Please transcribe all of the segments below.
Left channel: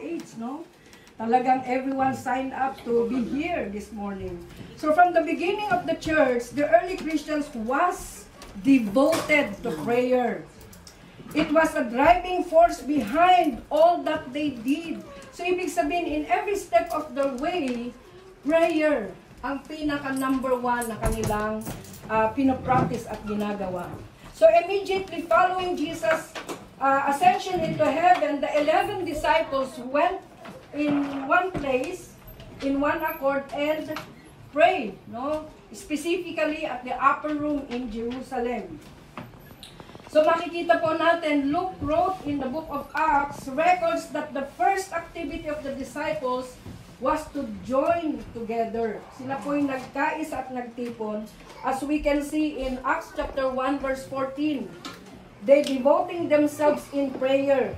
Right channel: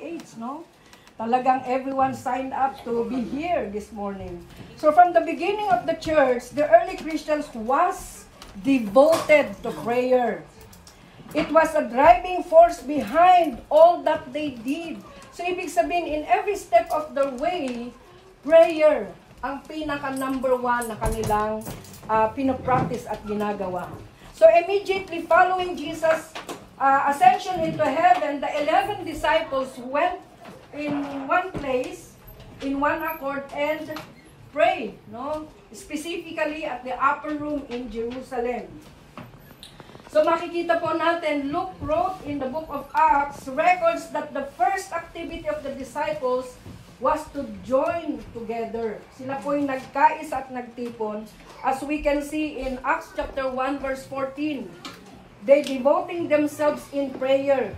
age, no? Talagang everyone signed up to be here this morning. So from the beginning of the church, the early Christians was devoted to prayer. It was a driving force behind all that they did. So ibig sabihin, in every step of the way, prayer ang pinaka number one na kanilang pinopractice at ginagawa. So immediately following Jesus' ascension into heaven, the 11 disciples went in one place, in one accord, and prayed, no? Specifically at the upper room in Jerusalem. So makikita po natin, Luke wrote in the book of Acts, records that the first activity of the disciples was to join together. Sila po yung nagkaisa at nagtipon. As we can see in Acts chapter 1 verse 14, they devoting themselves in prayer.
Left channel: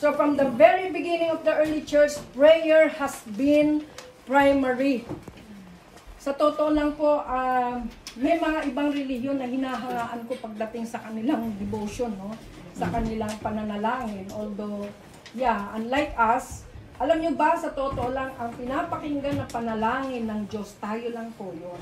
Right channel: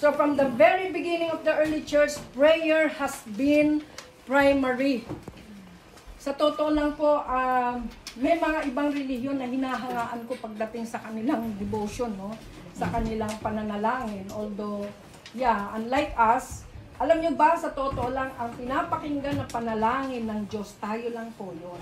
So from the very beginning of the early church, prayer has been primary. Sa totoo lang po, may mga ibang relihiyon na hinahangaan ko pagdating sa kanilang devotion, no? Sa kanilang pananalangin. Although, yeah, unlike us, alam nyo ba, sa totoo lang, ang pinapakinggan na panalangin ng Diyos, tayo lang po yun.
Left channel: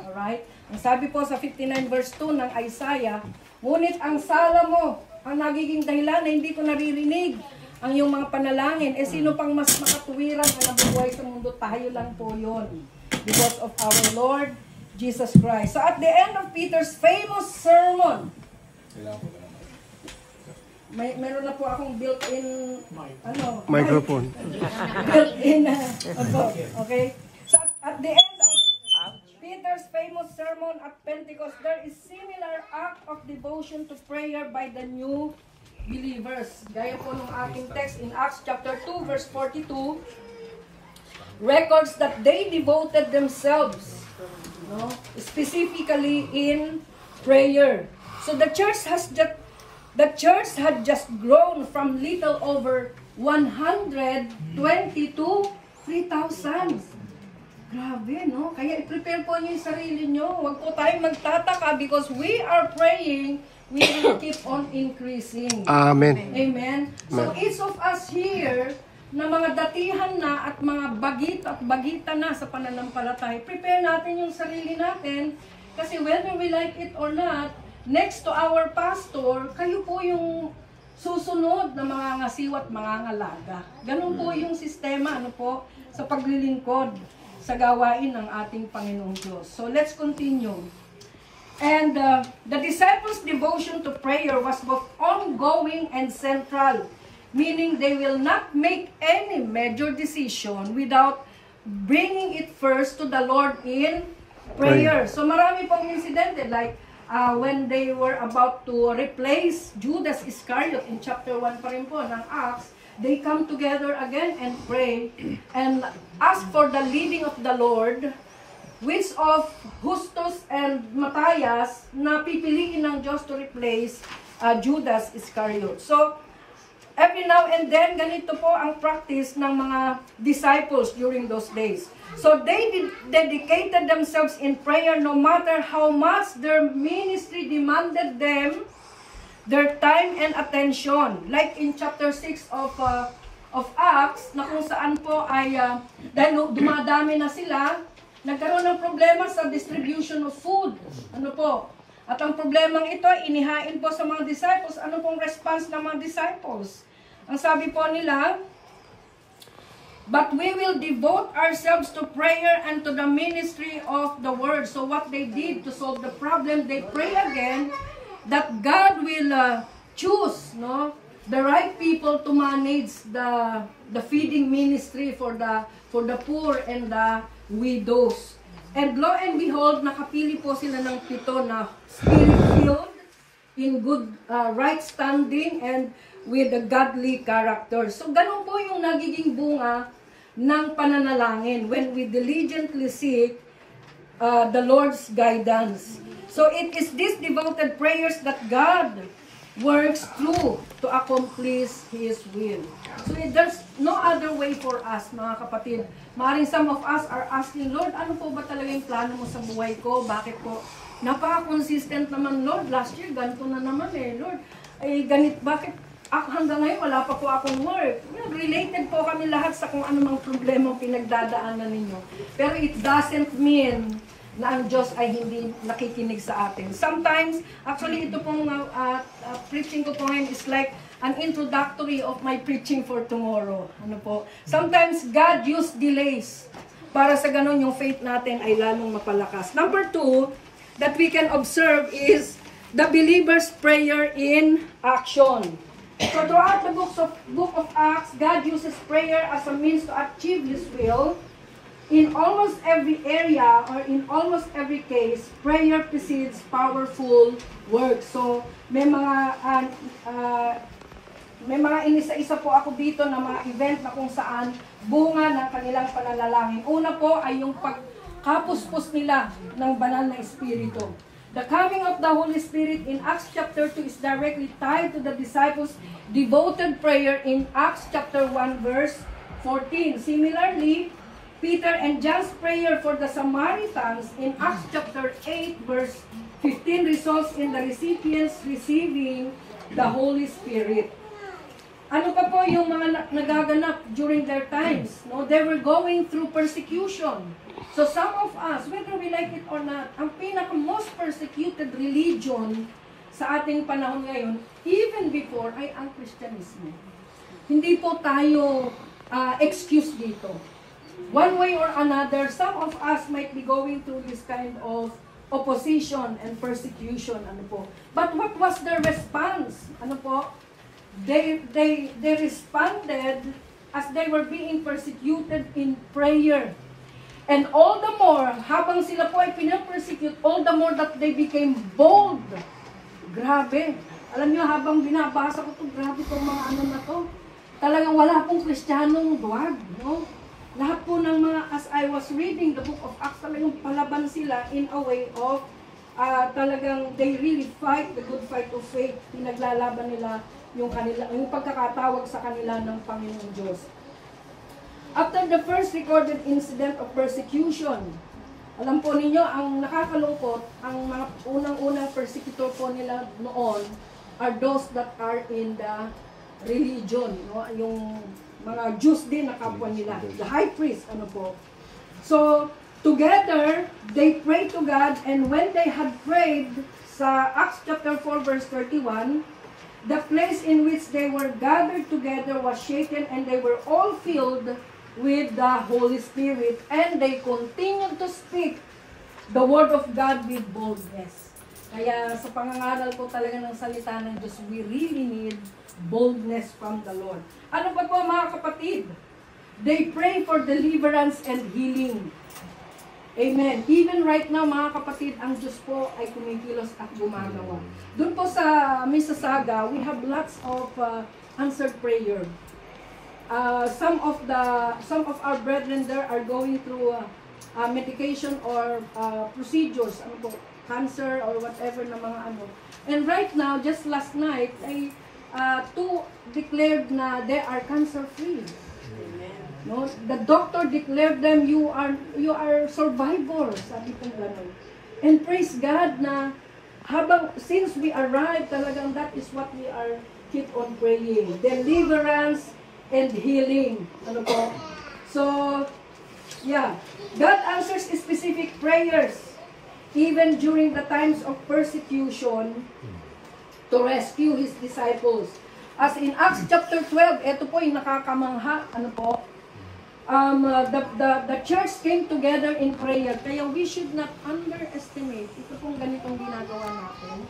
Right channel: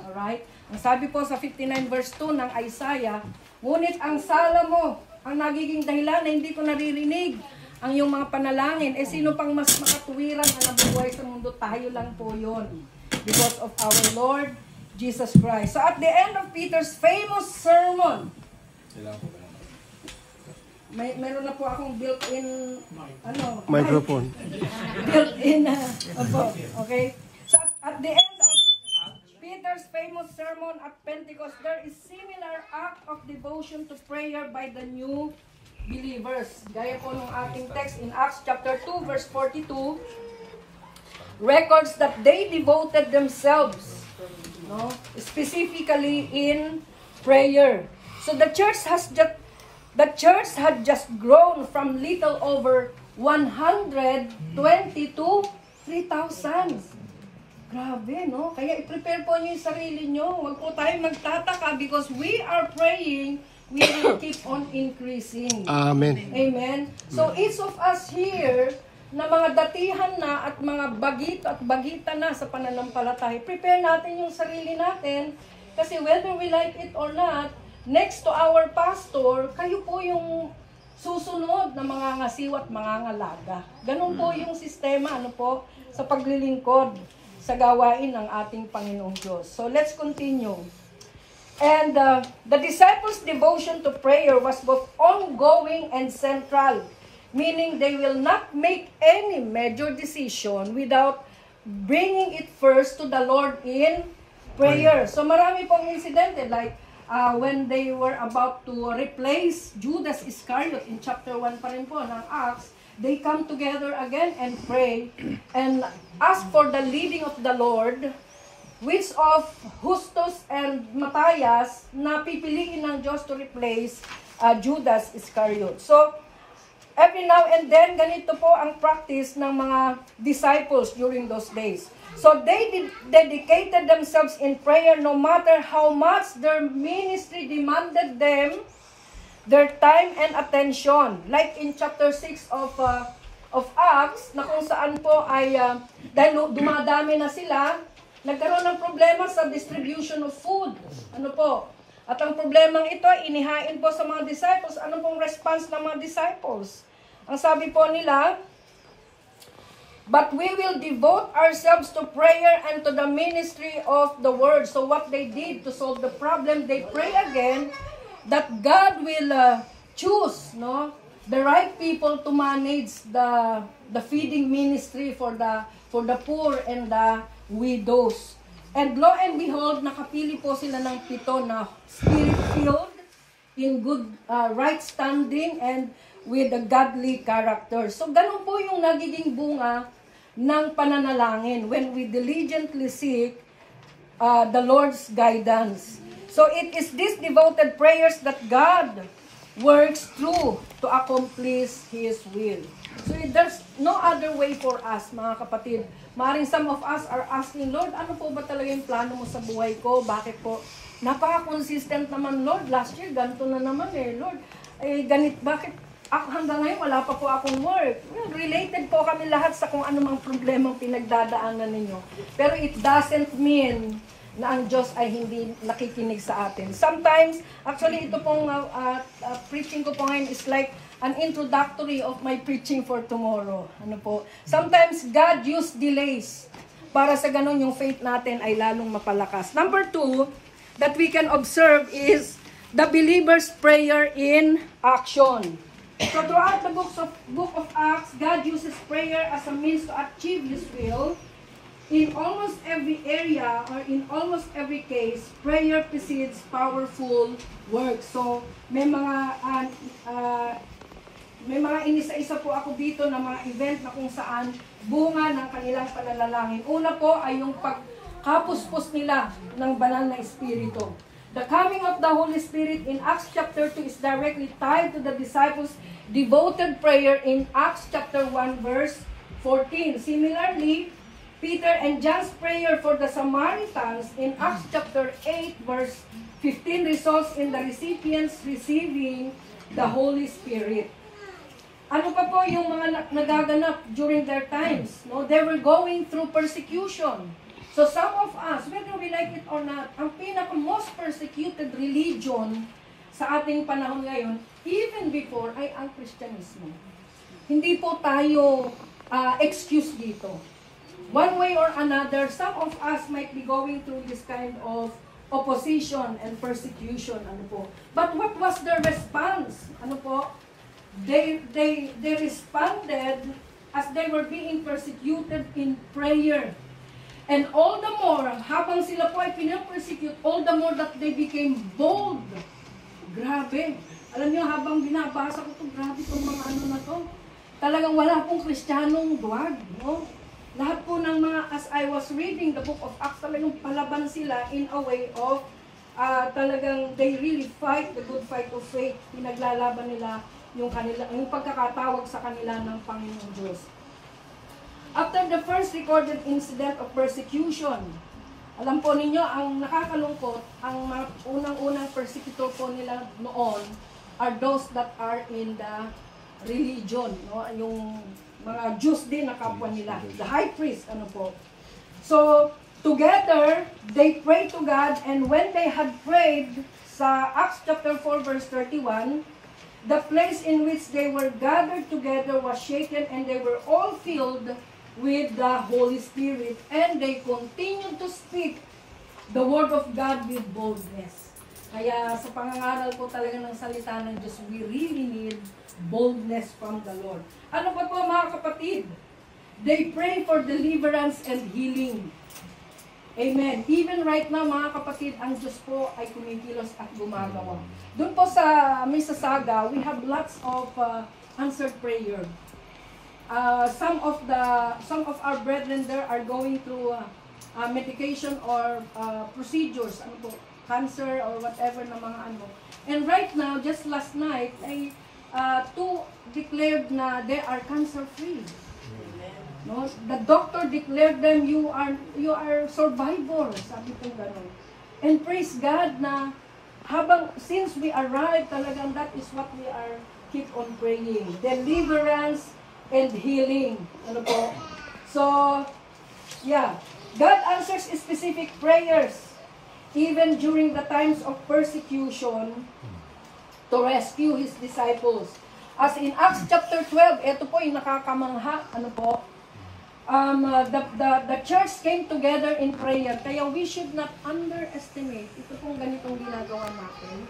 Alright? Ang sabi po sa 59 verse 2 ng Isaiah, ngunit ang sala mo, ang nagiging dahilan na hindi ko naririnig ang iyong mga panalangin, eh sino pang mas makatuwiran na nabubuhay sa mundo? Tayo lang po yun. Because of our Lord Jesus Christ. So at the end of Peter's famous sermon, meron na po akong built-in microphone. Built-in okay. So at the end of Peter's famous sermon at Pentecost, there is similar act of devotion to prayer by the new believers. Gaya po ng ating text in Acts chapter 2 verse 42, records that they devoted themselves, no, specifically in prayer. So the church had just grown from little over 120 to 3,000. Grabe, no? Kaya i-prepare po niyo yung sarili niyo. Huwag po tayo magtataka because we are praying, we will keep on increasing. Amen. Amen. So each of us here, na mga datihan na at mga bagito at bagita na sa pananampalataya, prepare natin yung sarili natin kasi whether we like it or not, next to our pastor, kayo po yung susunod na mga ngasiw at mga ngalaga. Ganun po yung sistema, ano po, sa paglilingkod sa gawain ng ating Panginoong Diyos. So let's continue. And the disciples' devotion to prayer was both ongoing and central, meaning they will not make any major decision without bringing it first to the Lord in prayer. So marami pong incidente like when they were about to replace Judas Iscariot in chapter 1 pa rin po ng Acts, they come together again and pray and ask for the leading of the Lord, which of Justus and Matthias na pipiliin ng Diyos to replace Judas Iscariot. So, every now and then, ganito po ang practice ng mga disciples during those days. So, they dedicated themselves in prayer no matter how much their ministry demanded them their time and attention. Like in chapter 6 of Acts, na kung saan po ay, dahil dumadami na sila, nagkaroon ng problema sa distribution of food. Ano po? At ang problemang ito, inihain po sa mga disciples. Ano pong response ng mga disciples? Ang sabi po nila, but we will devote ourselves to prayer and to the ministry of the word. So what they did to solve the problem, they pray again that God will choose, no, the right people to manage the feeding ministry for the poor and the widows. And lo and behold, nakapili po sila ng 7 na spirit-filled, in good right standing, and with a godly character. So ganun po yung nagiging bunga ng pananalangin when we diligently seek the Lord's guidance. So it is these devoted prayers that God works through to accomplish His will. So there's no other way for us, mga kapatid. Maaaring some of us are asking, Lord, ano po ba talaga yung plano mo sa buhay ko? Bakit po? Napaka-consistent naman, Lord. Last year, ganito na naman eh. Lord, ganit, bakit ako hanggang ngayon wala pa po akong work. Related po kami lahat sa kung anumang problema pinagdadaanan ninyo. Pero it doesn't mean na ang Diyos ay hindi nakikinig sa atin. Sometimes, actually ito pong preaching ko po ngayon is like an introductory of my preaching for tomorrow. Ano po? Sometimes God used delays para sa ganun yung faith natin ay lalong mapalakas. Number 2 that we can observe is the believer's prayer in action. So throughout the book of Acts, God uses prayer as a means to achieve His will. In almost every area or in almost every case, prayer precedes powerful work. So may mga inisa-isa po ako dito na mga event na kung saan bunga ng kanilang pananalangin. Una po ay yung pagkapuspos nila ng banal na espiritu. The coming of the Holy Spirit in Acts chapter 2 is directly tied to the disciples' devoted prayer in Acts chapter 1 verse 14. Similarly, Peter and John's prayer for the Samaritans in Acts chapter 8 verse 15 results in the recipients receiving the Holy Spirit. Ano pa po yung mga nagaganap during their times? No? They were going through persecution. So some of us, whether we like it or not, ang pinaka-most persecuted religion sa ating panahon ngayon, even before, ay ang Kristyanismo. Hindi po tayo excuse dito. One way or another, some of us might be going through this kind of opposition and persecution. Ano po? But what was their response? Ano po? They responded as they were being persecuted in prayer. And all the more, habang sila po ay pinapersecute, all the more that they became bold. Grabe. Alam nyo, habang binabasa ko ito, grabe itong mga ano na to. Talagang wala pong Kristiyanong duwag. No? Lahat po ng mga, as I was reading the book of Acts, talagang palaban sila in a way of talagang they really fight the good fight of faith. Pinaglalaban nila yung pagkakatawag sa kanila ng Panginoong Diyos. After the first recorded incident of persecution, alam po ninyo, ang nakakalungkot, ang mga unang-unang persecutor po nila noon are those that are in the religion, no? Yung mga Jews din na kapwa nila, the high priest, ano po. So, together, they prayed to God, and when they had prayed, sa Acts chapter 4 verse 31, the place in which they were gathered together was shaken, and they were all filled with the Holy Spirit, and they continued to speak the word of God with boldness. Kaya sa pangangaral po talaga ng salita ng Diyos, we really need boldness from the Lord. Ano pa po mga kapatid? They pray for deliverance and healing. Amen. Even right now mga kapatid, ang Diyos po ay kumikilos at gumagawa. Doon po sa Mississauga, we have lots of answered prayer. Some of our brethren there are going through medication or procedures, ano po, cancer or whatever na mga ano. And right now, just last night, ay two declared na they are cancer free. No, the doctor declared them, you are survivors, sabi ko ganun. And praise God na since we arrived, talagang that is what we are keep on praying. Deliverance and healing. Ano po? So, yeah. God answers specific prayers even during the times of persecution to rescue His disciples. As in Acts chapter 12, ito po yung nakakamangha. Ano po? The church came together in prayer. Kaya we should not underestimate. Ito pong ganitong ginagawa natin.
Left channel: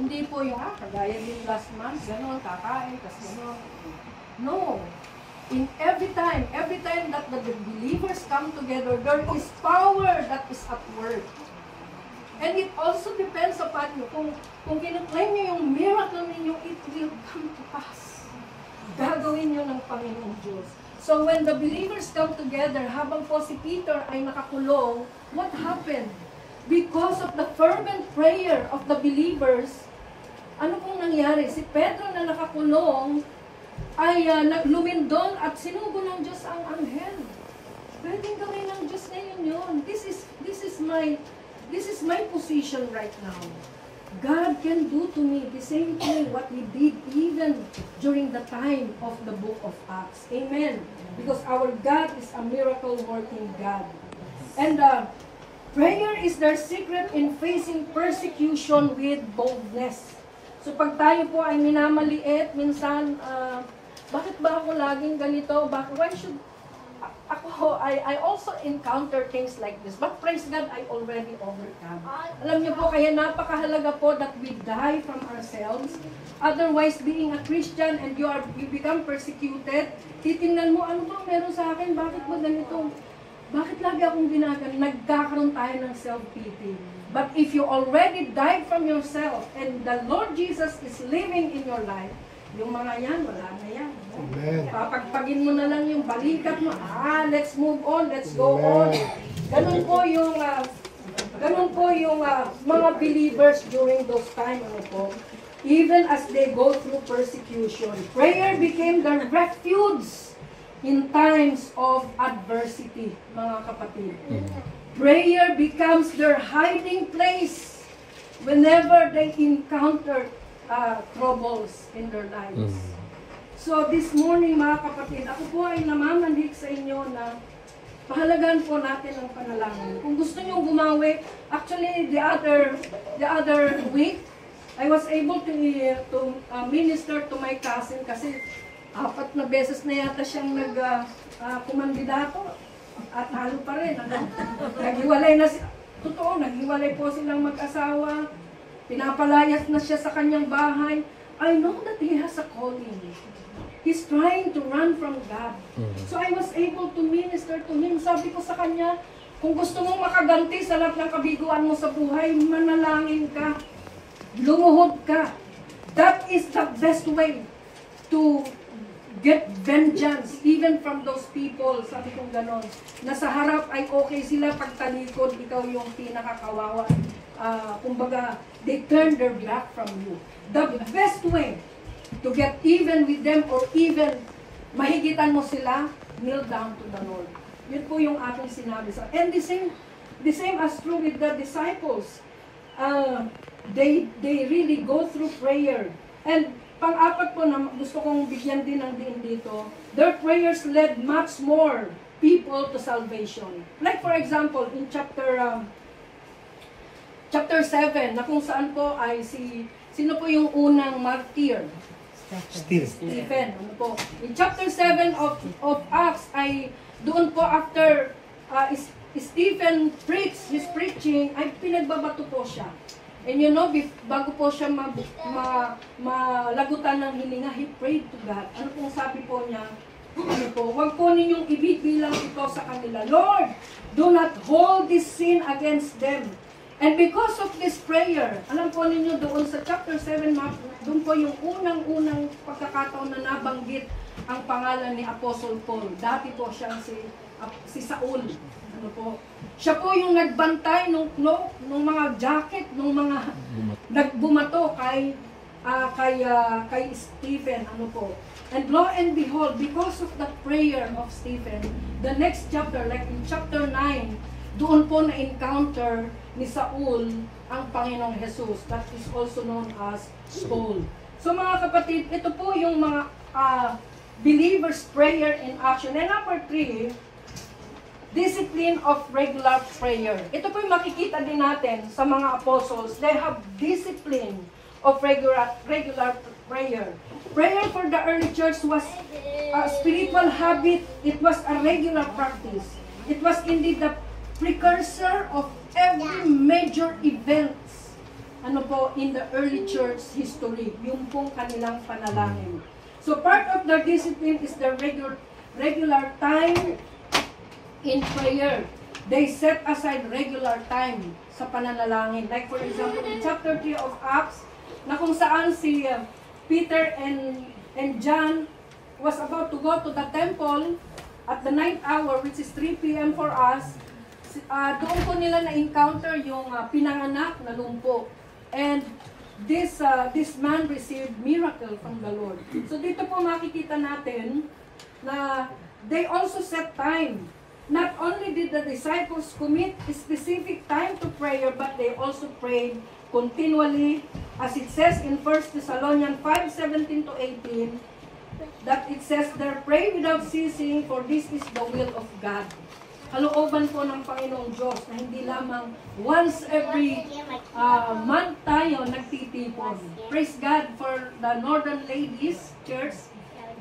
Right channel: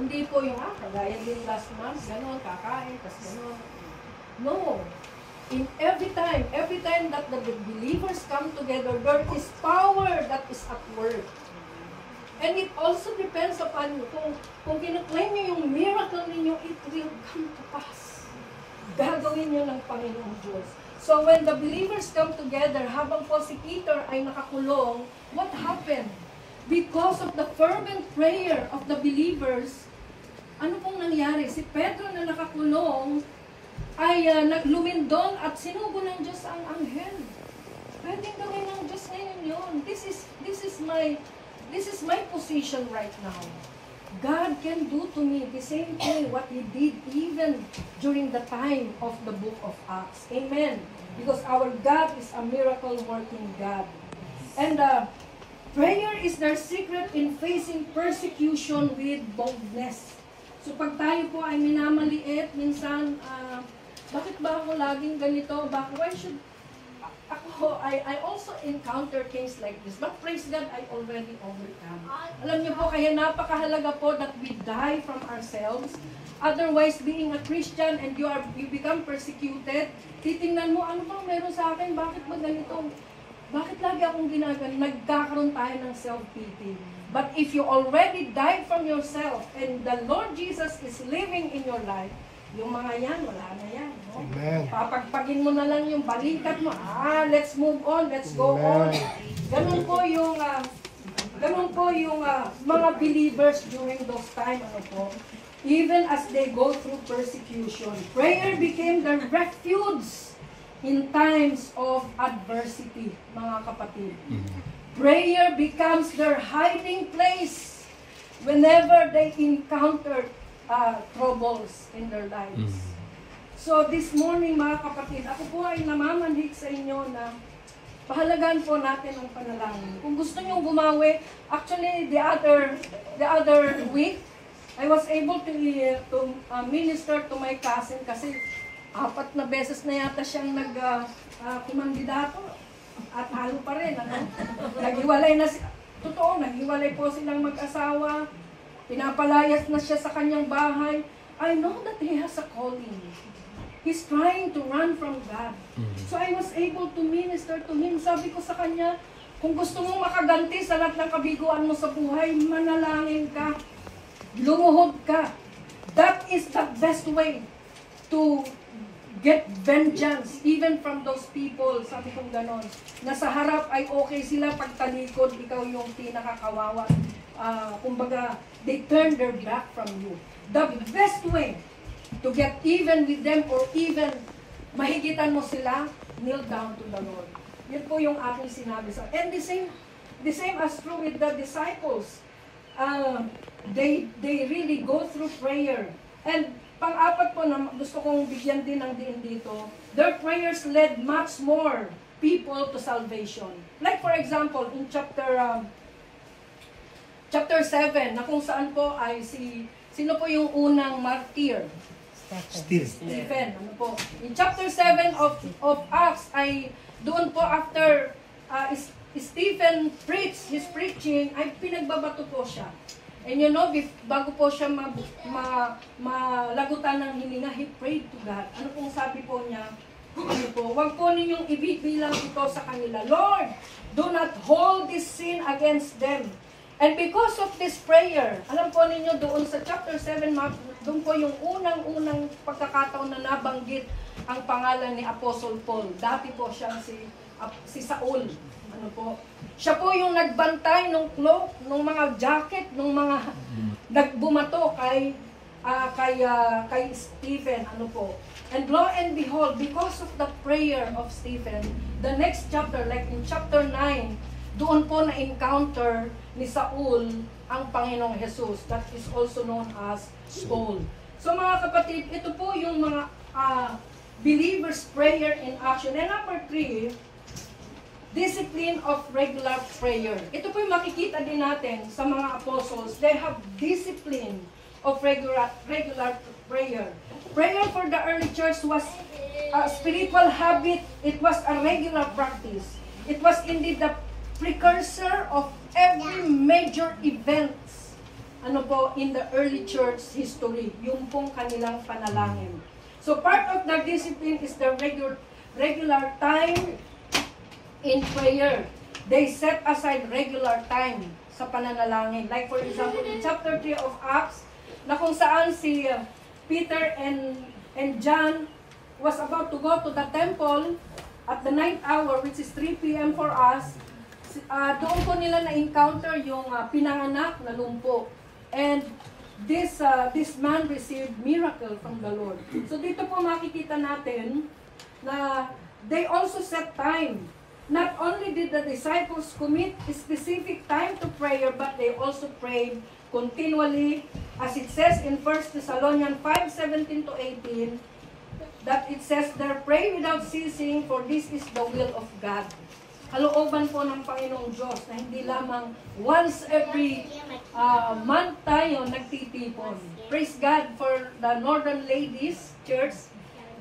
Hindi po yung, kagaya din last month, gano'n, kakain, tas gano'n. No. In every time that the believers come together, there is power that is at work. And it also depends upon you. Kung kinuklaim nyo yung miracle ninyo, it will come to pass. Gagawin nyo ng Panginoong Diyos. So when the believers come together, habang po si Peter ay nakakulong, what happened? Because of the fervent prayer of the believers, ano pong nangyari? Si Pedro na nakakulong, ay naglumindon at sinugo ng Diyos ang anghel. Pwedeng gawin ng Diyos ngayon yun. This is my position right now. God can do to me the same thing what He did even during the time of the book of Acts. Amen. Because our God is a miracle-working God. And prayer is their secret in facing persecution with boldness. So pag tayo po ay minamaliit, minsan, bakit ba ako laging ganito? Why should I also encounter things like this. But praise God, I already overcome. Alam niyo po, kaya napakahalaga po that we die from ourselves. Otherwise, being a Christian and you become persecuted, titingnan mo, ano bang meron sa akin? Bakit ba ganito? Bakit lagi akong ginagano? Nagkakaroon tayo ng self-pity. But if you already died from yourself and the Lord Jesus is living in your life, yung mga yan, wala na yan. No? Amen. Papagpagin mo na lang yung balikat mo. Let's move on, let's go on. Ganun po yung mga believers during those times. Even as they go through persecution, prayer became their refuge in times of adversity, mga kapatid. Prayer becomes their hiding place whenever they encounter troubles in their lives. So this morning, mga kapatid, ako po ay namamanhik sa inyo na pahalagaan po natin ang panalangin. Kung gusto niyo gumawi, actually the other week, I was able to minister to my cousin kasi 4 na beses na yata siyang kumandidato at halo pa rin. Naghiwalay na totoo, naghiwalay po silang mag-asawa. Pinapalayas na siya sa kanyang bahay. I know that he has a calling. He's trying to run from God. So I was able to minister to him. Sabi ko sa kanya, kung gusto mong makaganti sa lahat ng kabiguan mo sa buhay, manalangin ka. Lumuhod ka. That is the best way to get vengeance even from those people. Sabi kong ganon. Nasa harap ay okay sila, pagtalikod, ikaw yung pinakakawawa. Kumbaga, they turn their back from you. The best way to get even with them or even mahigitan mo sila, kneel down to the Lord. Yun po yung aking sinabi sa. And the same as true with the disciples. They really go through prayer. And pang-apat po na gusto kong bigyan din ng diin dito, their prayers led much more people to salvation. Like for example, in chapter 7, na kung saan po ay sino po yung unang martyr? Stephen. Ano po? In chapter 7 of Acts, ay doon po after Stephen preached his preaching, ay pinagbabato po siya. And you know, bago po siya malagutan ng hininga, he prayed to God. Ano pong sabi po niya? Ano po? Huwag po ninyong ibibilang ito sa kanila. Lord, do not hold this sin against them. And because of this prayer, alam po ninyo doon sa chapter 7, doon po yung unang-unang pagkakataon na nabanggit ang pangalan ni Apostle Paul. Dati po siyang si Saul. Ano po? Siya po yung nagbantay ng cloak, ng mga jacket, ng mga nagbumato kay Stephen. Ano po? And lo and behold, because of the prayer of Stephen, the next chapter, like in chapter 9, doon po na-encounter ni Saul ang Panginoong Jesus. That is also known as Paul. So mga kapatid, ito po yung mga believers' prayer in action. And number 3, discipline of regular prayer. Ito po yung makikita din natin sa mga apostles. They have discipline of regular prayer. Prayer for the early church was a spiritual habit. It was a regular practice. It was indeed the precursor of every major events in the early church history. Yung pong kanilang panalangin. So part of their discipline is the regular time in prayer. They set aside regular time sa pananalangin. Like for example, in chapter 3 of Acts, na kung saan si Peter and John was about to go to the temple at the night hour, which is 3 p.m. for us. Doon po nila na-encounter yung pinanganak na lumpo. And this man received miracle from the Lord. So dito po makikita natin na they also set time not only did the disciples commit a specific time to prayer, but they also prayed continually, as it says in 1 Thessalonians 5:17 to 18, that it says there, pray without ceasing, for this is the will of God. Kalooban po ng Panginoong Diyos na hindi lamang once every month tayo nagtitipon. Praise God for the Northern Ladies Church.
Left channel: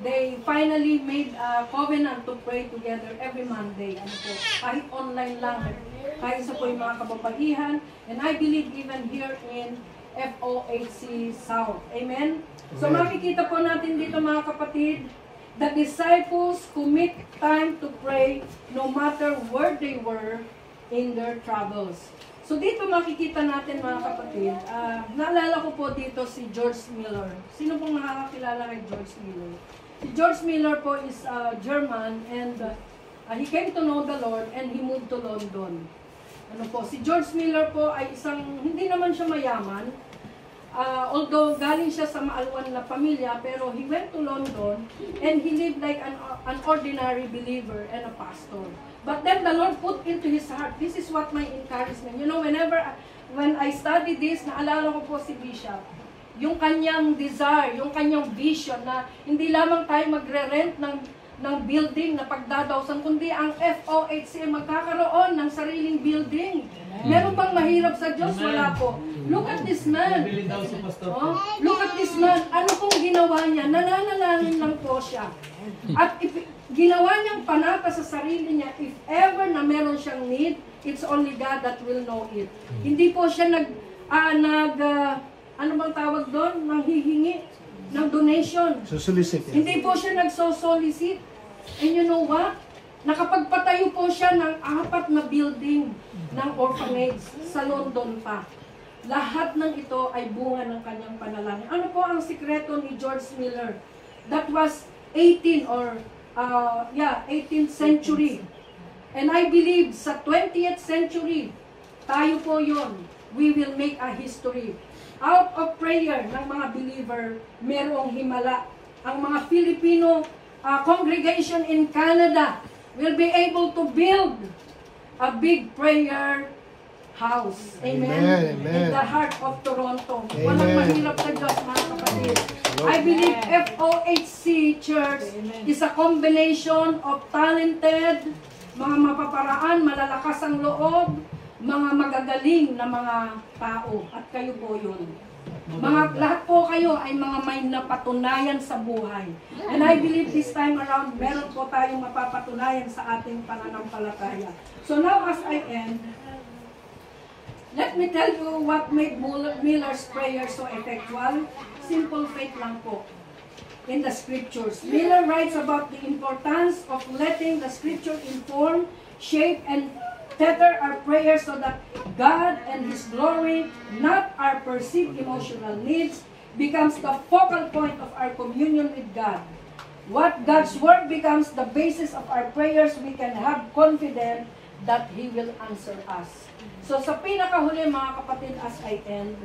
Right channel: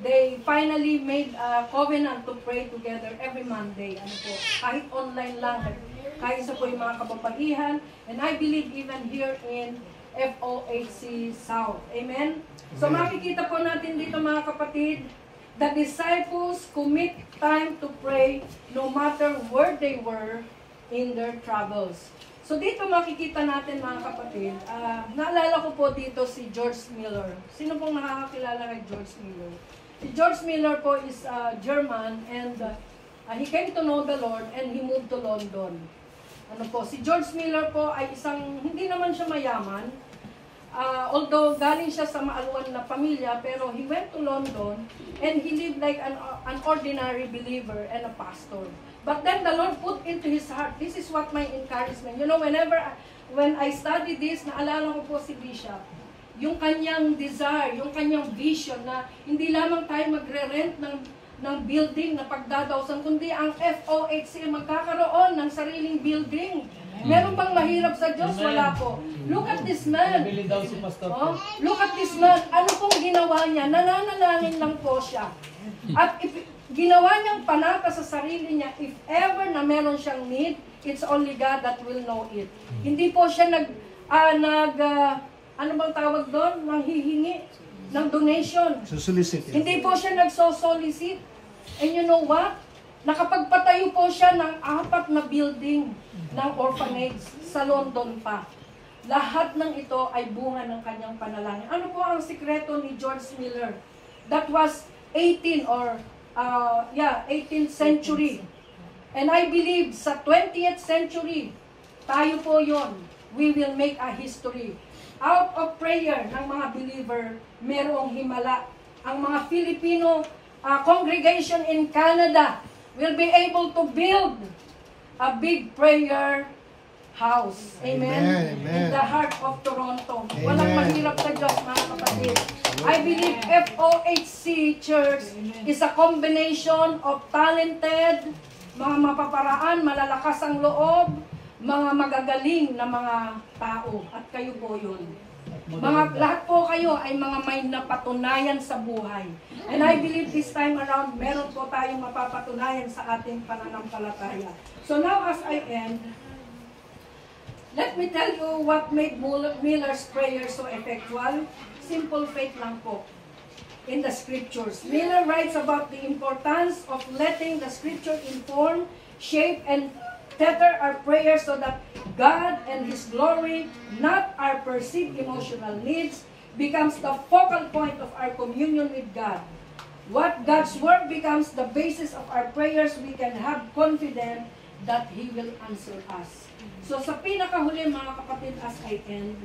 They finally made a covenant to pray together every Monday. Ano po, kahit online lang, kahit sa po yung mga kababaihan. And I believe even here in FOHC South. Amen? So makikita po natin dito mga kapatid, the disciples commit time to pray no matter where they were in their travels. So dito makikita natin mga kapatid, naalala ko po dito si George Miller. Sino pong nakakakilala kay George Miller? Si George Miller po is German and he came to know the Lord and he moved to London. Ano po, si George Miller po ay isang, hindi naman siya mayaman, although galing siya sa maaluan na pamilya, pero he went to London and he lived like an ordinary believer and a pastor. But then the Lord put into his heart, this is what my encouragement. You know, when I study this, naalala ko po si Bishop, yung kanyang desire, yung kanyang vision na hindi lamang tayo magre-rent ng building na pagdadawsan, kundi ang FOHC magkakaroon ng sariling building. Meron bang mahirap sa Diyos? Wala po. Look at this man. Oh, look at this man. Ano pong ginawa niya? Nananalangin lang po siya. At ginawa niyang panata sa sarili niya, if ever na meron siyang need, it's only God that will know it. Hindi po siya ano bang tawag doon? Nanghihingi ng donation. Solicit. Hindi po siya nagsosolicit. And you know what? Nakapagpatayo po siya ng 4 na building ng orphanage sa London pa. Lahat ng ito ay bunga ng kanyang panalangin. Ano po ang sikreto ni George Miller? That was 18th century. And I believe sa 20th century, tayo po yon. We will make a history. Out of prayer ng mga believer, merong himala. Ang mga Filipino congregation in Canada will be able to build a big prayer house. Amen? Amen. In the heart of Toronto. Amen. Walang mahirap sa Diyos, mga kapatid. I believe FOHC Church is a combination of talented, mga mapaparaan, malalakas ang loob, mga magagaling na mga tao. At kayo po yun. Lahat po kayo ay mga may napatunayan sa buhay. And I believe this time around, meron po tayong mapapatunayan sa ating pananampalataya. So now as I end, let me tell you what made Miller's prayer so effectual. Simple faith lang po in the scriptures. Miller writes about the importance of letting the scripture inform, shape, and tether our prayers so that God and His glory, not our perceived emotional needs, becomes the focal point of our communion with God. What God's Word becomes the basis of our prayers, we can have confidence that He will answer us. So sa pinakahuli mga kapatid, as I end,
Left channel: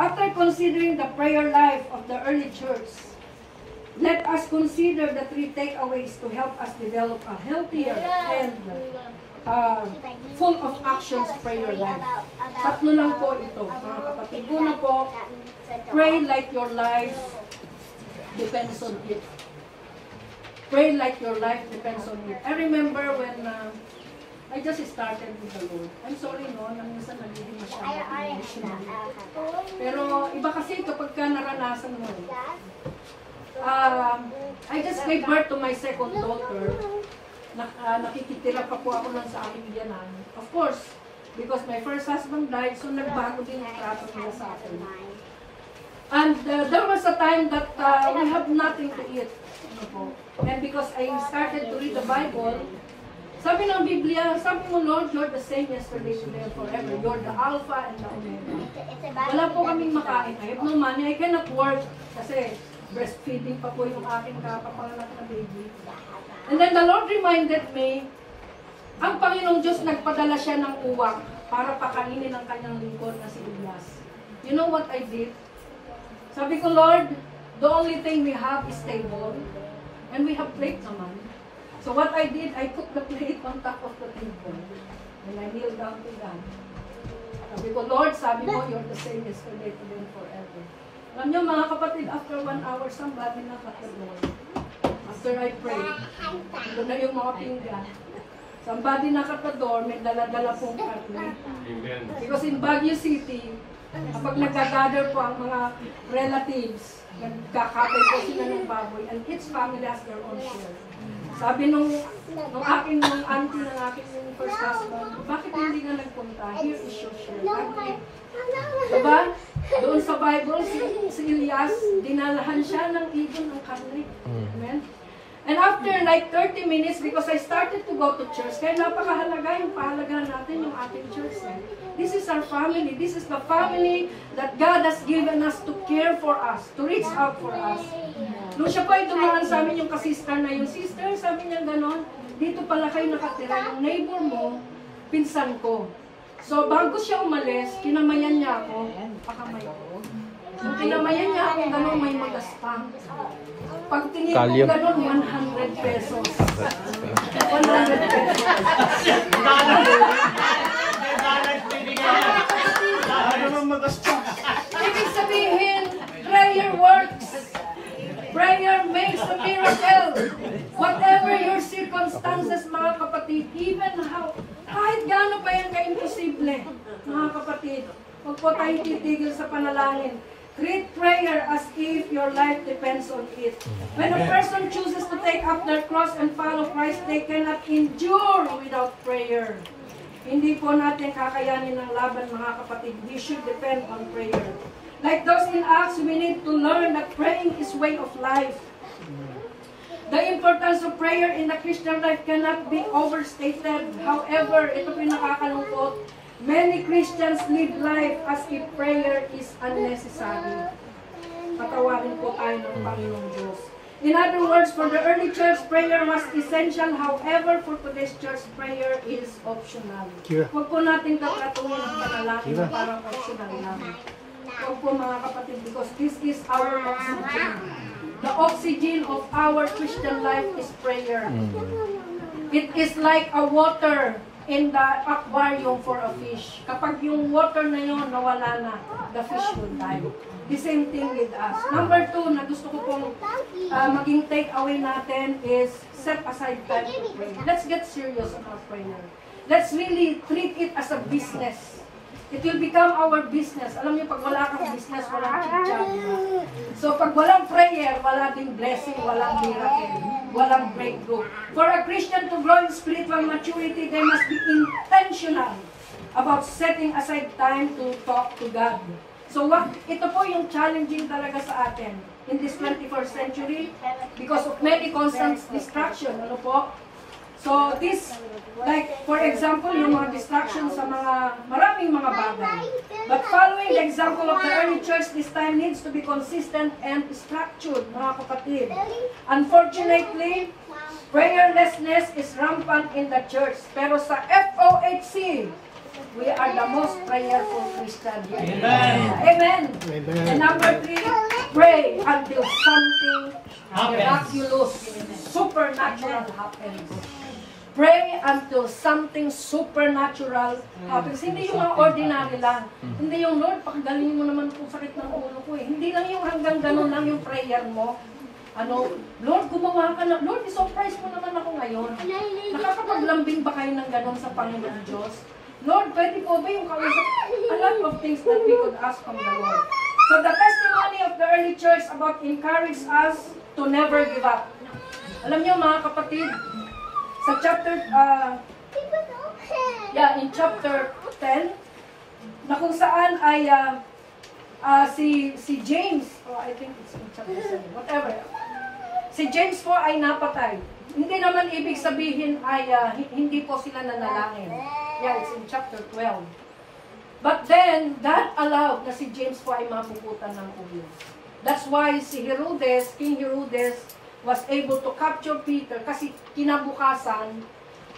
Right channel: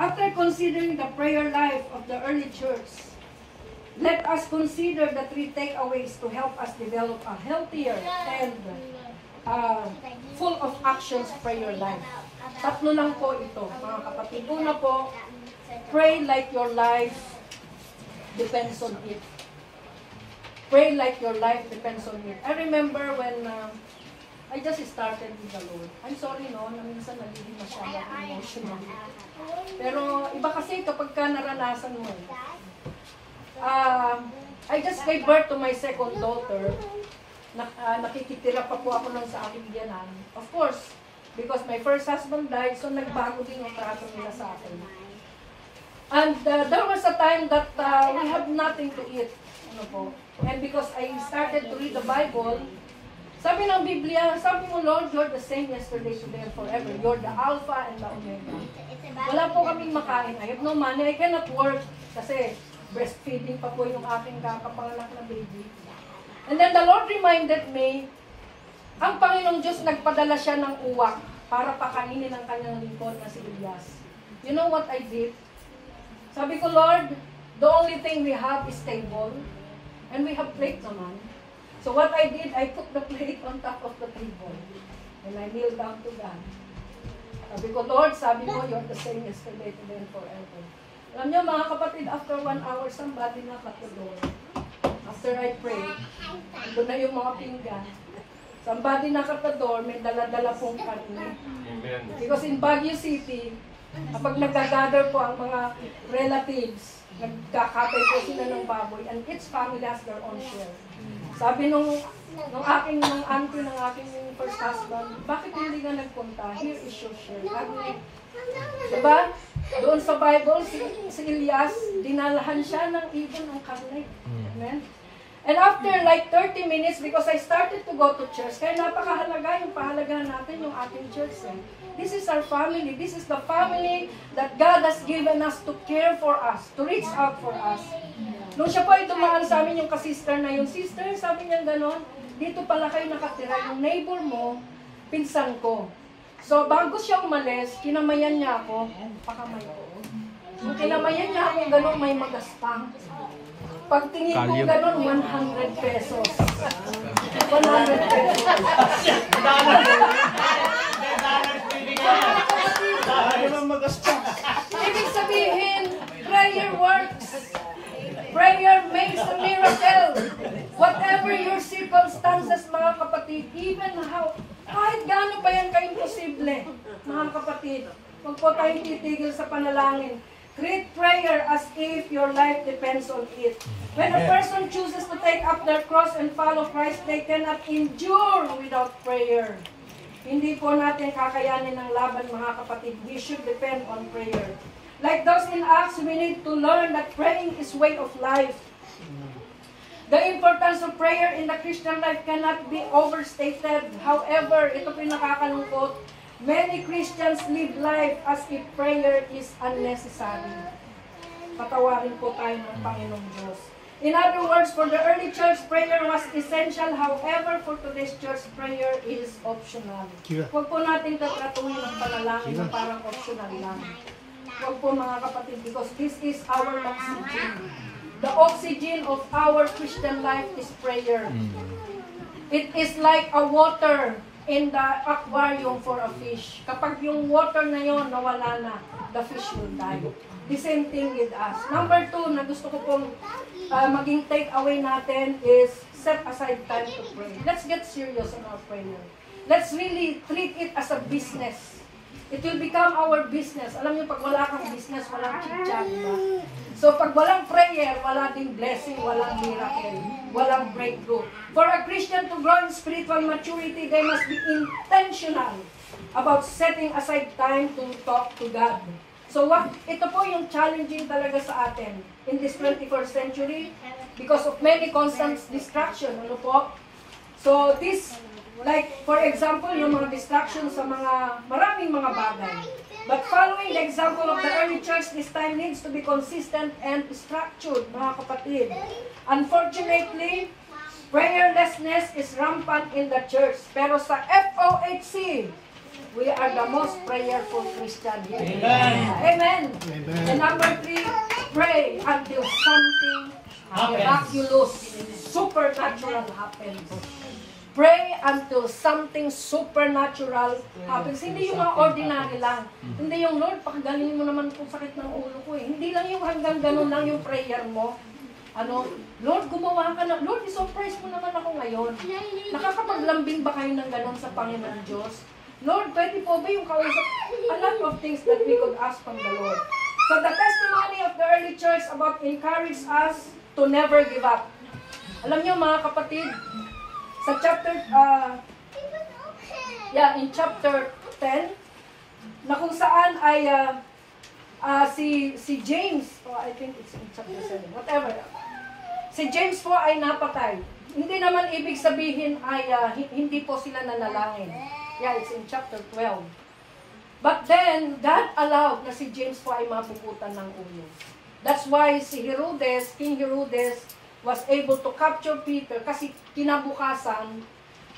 after considering the prayer life of the early church, let us consider the 3 takeaways to help us develop a healthier and full of actions prayer life. 3 lang po ito, mga kapatid. Una po, pray like your life depends on it. Pray like your life depends on it. I remember when I just started with the Lord. I'm sorry no, na minsan nagiging masyadong emotional. Pero iba kasi kapag ka naranasan mo. I just gave birth to my second daughter. Nakikitira pa po ako ng sa aking biyanan. Of course, because my first husband died, so nagbago din yung trato nila sa akin. And there was a time that we have nothing to eat. Ano po. And because I started to read the Bible, sabi ng Biblia, sabi mo, Lord, you're the same yesterday, today, and forever. You're the Alpha and the Omega. Wala po kaming makain. I have no money. I cannot work kasi breastfeeding pa po yung aking kakapanganak na baby. And then the Lord reminded me, ang Panginoong Diyos nagpadala siya ng uwak para pakainin ang kanyang lingkod na si Elias. You know what I did? Sabi ko, Lord, the only thing we have is table, and we have plate naman. So what I did, I put the plate on top of the table. And I kneel down to God. Sabi ko, Lord, sabi mo, you're the same yesterday, today, and forever. Alam niyo, mga kapatid, after 1 hour, somebody knocked at the door. After I prayed, ito na yung mga pinggan. Somebody knocked at the door, may dala-dala pong karne. Because in Baguio City, kapag nag-gather po ang mga relatives, nagkakatay po sila ng baboy, and each family has their own share. Sabi nung aking auntie ng aking yung first husband, bakit hindi ka nagpunta? Here is your share. Diba? Doon sa Bible, si Elias, dinalahan siya ng ibon ng karne. Amen? And after like 30 minutes, because I started to go to church, kaya napakahalaga yung pahalagahan natin yung ating church. This is our family. This is the family that God has given us to care for us, to reach out for us. Nung siya po ay dumaan sa amin yung kasister na yung sister, sabi niya gano'n, dito pala kayo nakatira, yung neighbor mo, pinsan ko. So bago siya umalis, kinamayan niya ako, pakamay ko. So kinamayan niya ako gano'n, may magastang. Pag tingin ko gano'n, 100 pesos. 100 pesos. Ibig sabihin, prayer works. Prayer makes a miracle. Whatever your circumstances, mga kapatid, even how, kahit gaano pa yan ka-imposible, mga kapatid, huwag po tayong titigil sa panalangin. Treat prayer as if your life depends on it. When a person chooses to take up their cross and follow Christ, they cannot endure without prayer. Hindi po natin kakayanin ng laban, mga kapatid. We should depend on prayer. Like those in Acts, we need to learn that praying is way of life. The importance of prayer in the Christian life cannot be overstated. However, ito po yung nakakalungkot. Many Christians live life as if prayer is unnecessary. Patawarin po tayo ng Panginoong Diyos. In other words, for the early church, prayer was essential. However, for today's church, prayer is optional. Huwag po natin tatratuhin ang panalangin na parang optional lang. Huwag po mga kapatid, because this is our oxygen. The oxygen of our Christian life is prayer. It is like a water in the aquarium for a fish. Kapag yung water na yun nawala na, the fish will die. The same thing with us. Number 2 na gusto ko pong maging take away natin is set aside time to pray. Let's get serious about prayer. Let's really treat it as a business. It will become our business. Alam niyo, pag wala kang business, walang chit-chat. So, pag walang prayer, wala ding blessing, walang miracle, walang breakthrough. For a Christian to grow in spiritual maturity, they must be intentional about setting aside time to talk to God. So, ito po yung challenging talaga sa atin in this 21st century because of many constant distraction. Ano po? So, this, like, for example, yung mga distractions sa maraming mga bagay. But following the example of the early church, this time needs to be consistent and structured, mga kapatid. Unfortunately, prayerlessness is rampant in the church. Pero sa FOHC, we are the most prayerful Christian here. Amen. Amen. And number 3, pray until something miraculous, supernatural happens. Pray until something supernatural happens. Hindi yung mga ordinary lang. Hindi yung, Lord, pakigalingin mo naman kung sakit ng ulo ko eh. Hindi lang yung hanggang ganun lang yung prayer mo. Lord, gumawa ka na. Lord, isurprise mo naman ako ngayon. Nakakapaglambing ba kayo ng ganun sa Panginoon Diyos? Lord, pwede po ba yung kausap? A lot of things that we could ask from the Lord. So the testimony of the early church about encourage us to never give up. Alam niyo mga kapatid, sa chapter, in chapter 10, na kung saan ay si James, I think it's in chapter 7, whatever, si James po ay napatay. Hindi naman ibig sabihin ay hindi po sila nanalangin. Yeah, it's in chapter 12. But then, God allowed na si James po ay mapuputan ng ulo. That's why si Herodes, King Herodes, was able to capture Peter kasi kinabukasan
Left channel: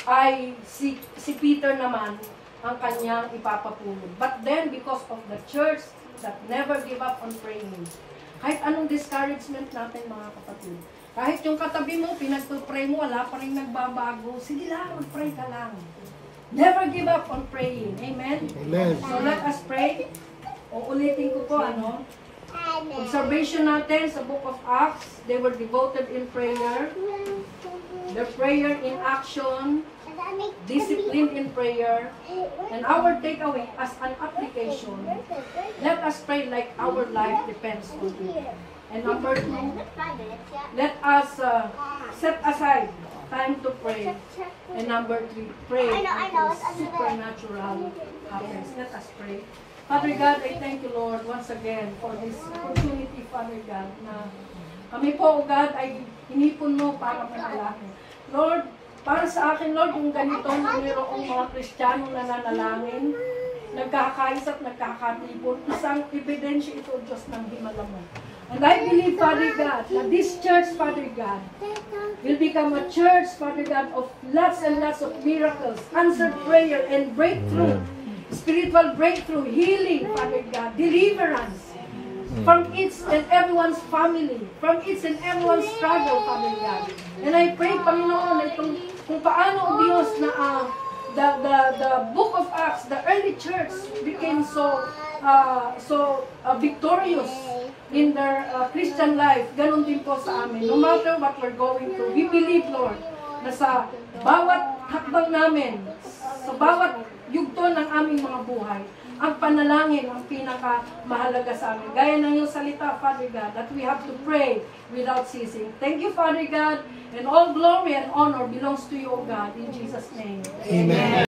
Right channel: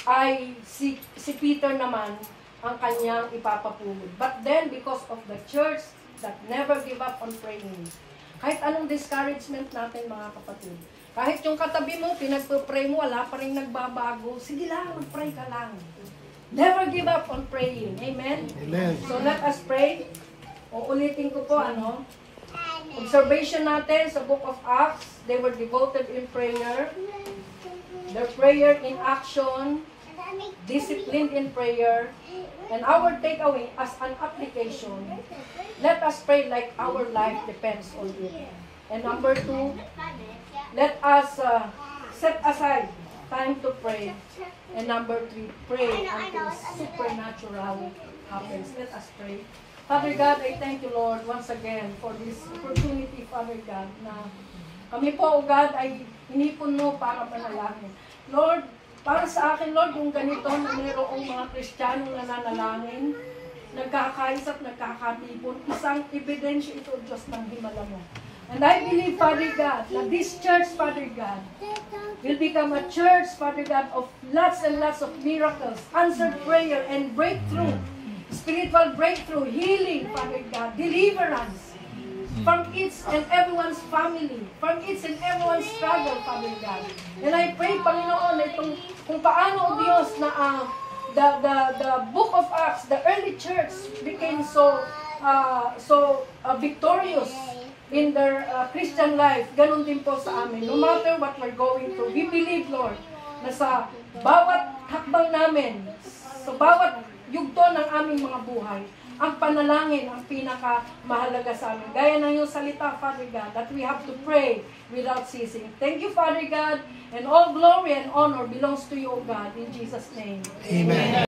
ay si Peter naman ang kanyang ipapapulog. But then, because of the church that never give up on praying, kahit anong discouragement natin mga kapatid, Kahit yung katabi mo, pinagpupray mo, wala pa rin nagbabago. Sige lang, mag-pray ka lang. Never give up on praying. Amen? Amen. So let us pray. O ulitin ko po, observation natin sa Book of Acts, they were devoted in prayer. Their prayer in action, discipline in prayer, and our takeaway as an application, let us pray like our life depends on it. And number 2, let us set aside time to pray. And number 3, pray until supernatural happens. Let us pray. Father God, I thank you, Lord, once again for this opportunity, Father God, na kami po, God, ay hinipon mo para manalangin. Lord, para sa akin, Lord, yung ganito na mayroong mga Kristiyanong nananalangin, nagkakaisa at nagkakatipon, isang ebidensya ito, Diyos ng himala mo. And I believe, Father God, that this church, Father God, will become a church, Father God, of lots and lots of miracles, answered prayer, and breakthrough, spiritual breakthrough, healing, Father God, deliverance, from each and everyone's family, from each and everyone's struggle, Father God. And I pray, Panginoon, na itong kung paano, Diyos, na the Book of Acts, the early church became so victorious in their Christian life. Ganun din po sa amin. No matter what we're going through, we believe, Lord, na sa bawat hakbang namin, sa bawat yugto ng aming mga buhay, ang panalangin ang pinakamahalaga sa amin. Gaya ng iyong salita, Father God, that we have to pray without ceasing. Thank you, Father God, and all glory and honor belongs to you, O God, in Jesus' name. Amen.